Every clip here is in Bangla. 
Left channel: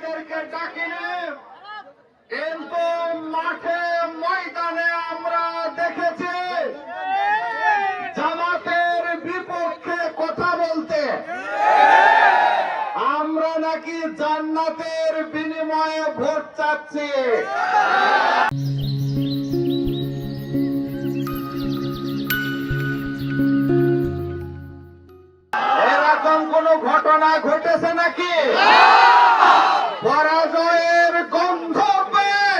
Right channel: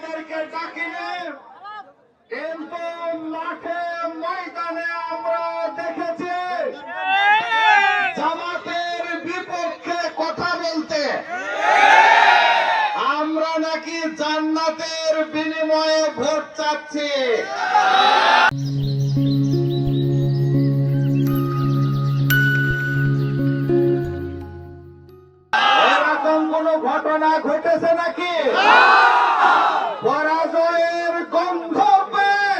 আপনাদেরকে ডাকিনি কিন্তু মাঠে ময়দানে আমরা দেখেছি জামাতের বিপক্ষে কথা বলতে। আমরা নাকি জান্নাতের বিনিময়ে ভোট চাচ্ছি। এরকম কোন ঘটনা ঘটেছে নাকি পরাজয়ের গন্ধ পেয়ে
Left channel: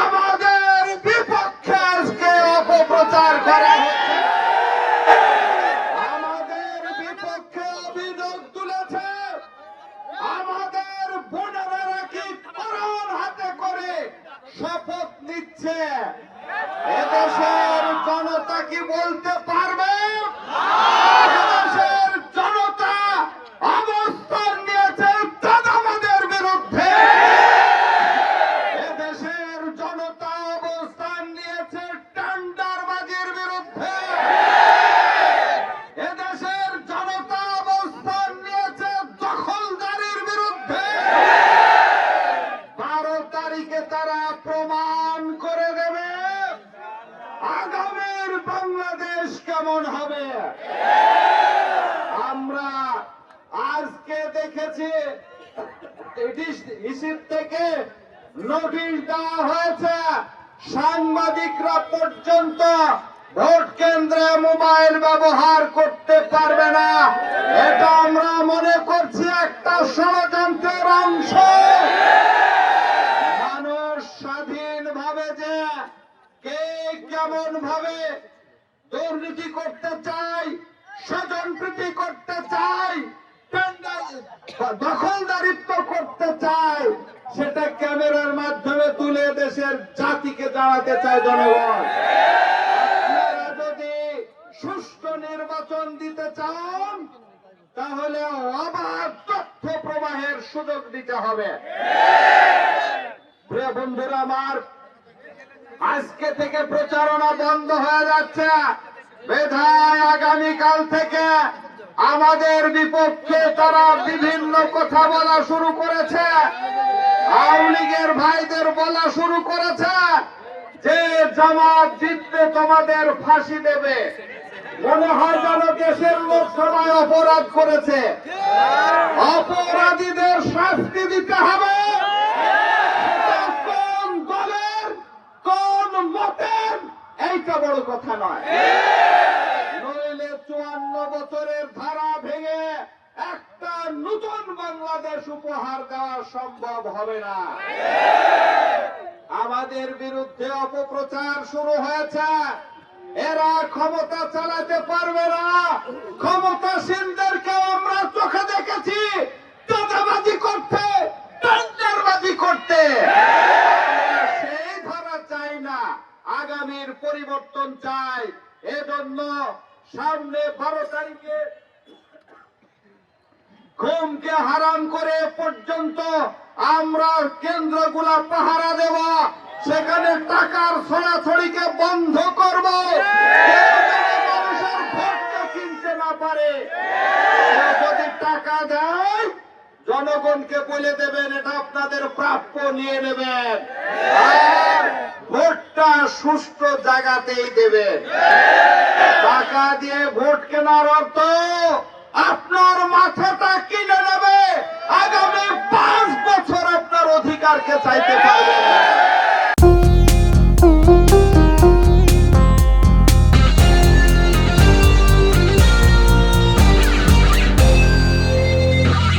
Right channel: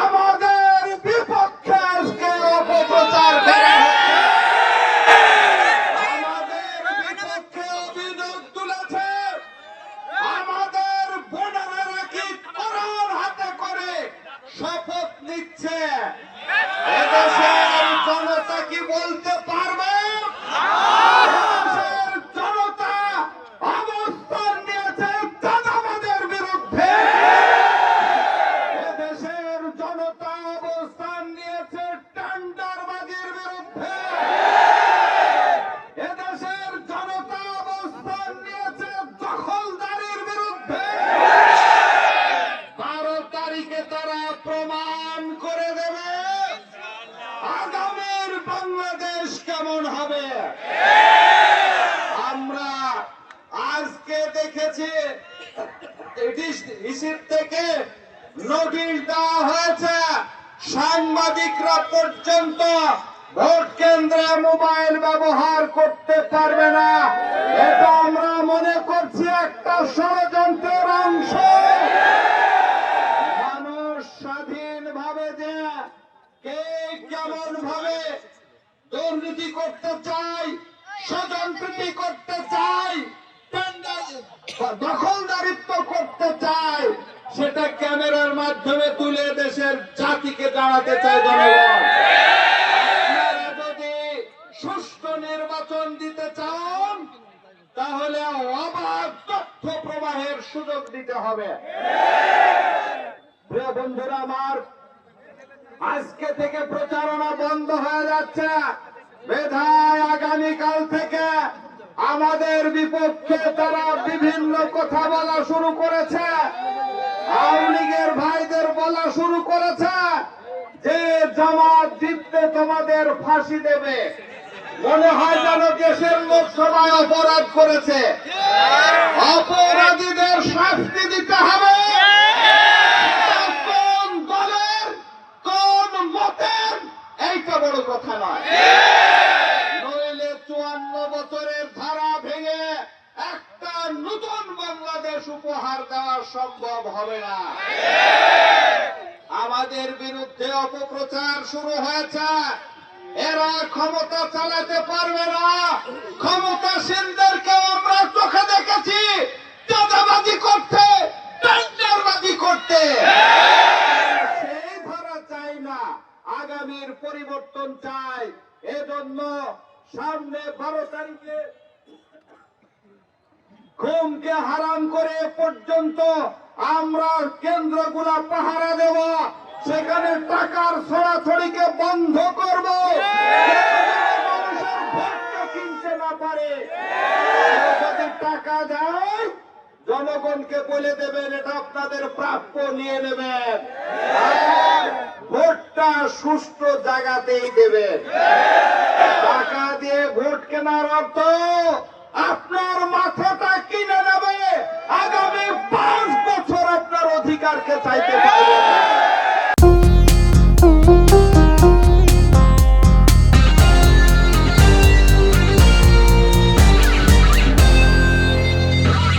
আমাদের বিপক্ষে আজকে অপপ্রচার করা হচ্ছে আমাদের বিপক্ষে অভিযোগ তুলেছে আমাদের বোনেরা কি করোন হাতে করে শপথ নিচ্ছে। এদেশের জনতা কি বলতে কেমন হবে? আমরা আজকে দেখেছি থেকে নোটিশ দেওয়া হয়েছে, সাংবাদিকরা পর্যন্ত ভোট কেন্দ্রে মোবাইল ব্যবহার করতে পারবে না। এটা আমরা মনে করছি একটা ষড়যন্ত্রের অংশ। মানুষ স্বাধীন ভাবে যে কে কেমন ভাবে দুর্নীতি করতে চাই, স্বজনপ্রীতি করতে চাই দখলদারিত্ব করতে চাই, সেটা ক্যামেরার মাধ্যমে তুলে দেশের জাতিকে জানাতে চাই জনগণ। দিতে চান, তাহলে অবাধ তথ্য প্রবাহের সুযোগ দিতে হবে। বন্ধুরা, আমার আজকে থেকে প্রচারণা বন্ধ হয়ে যাচ্ছে। মেধায় আগামীকাল থেকে আমাদের বিপক্ষে তারা বিভিন্ন কথা বলা শুরু করেছে। আওয়ামী লীগের ভাইদের বলা শুরু করেছে। যে জামাত জিতলে তোমাদের ফাঁসি দেবে। মনে হয় যেন দেশের লোক সবাই অপরাধ করেছে। অপরাধীদের শাস্তি দিতে হবে কোন দলের কোন মতের এইটা বড় কথা নয় নইলে চুয়ান্ন বছরের ধারা ভেঙে একটা নতুন বাংলাদেশ উপহার দেওয়া সম্ভব হবে না। আমাদের বিরুদ্ধে অপপ্রচার শুরু হয়েছে। এরা ক্ষমতা চালাতে পারবে না। ক্ষমতাসীনদেরকে আমরা চোখে দেখেছি। চাঁদাবাজি করতে টেন্ডারবাজি করতে। সেই ধারা চাই না। আগামীর পরিবর্তন চাই। এজন্য সামনে বারো তারিখে ঘুমকে হারাম করে পর্যন্ত আমরা কেন্দ্রগুলা পাহারা দেব। সেখানে টাকার ছড়াছড়িকে বন্ধ করব। জনগণকে বলে দেবেন, এটা আপনাদের প্রাপ্য, নিয়ে নেবেন। ভোটটা সুষ্ঠু জায়গাতেই দেবেন। টাকা দিয়ে ভোট কেনার অর্থ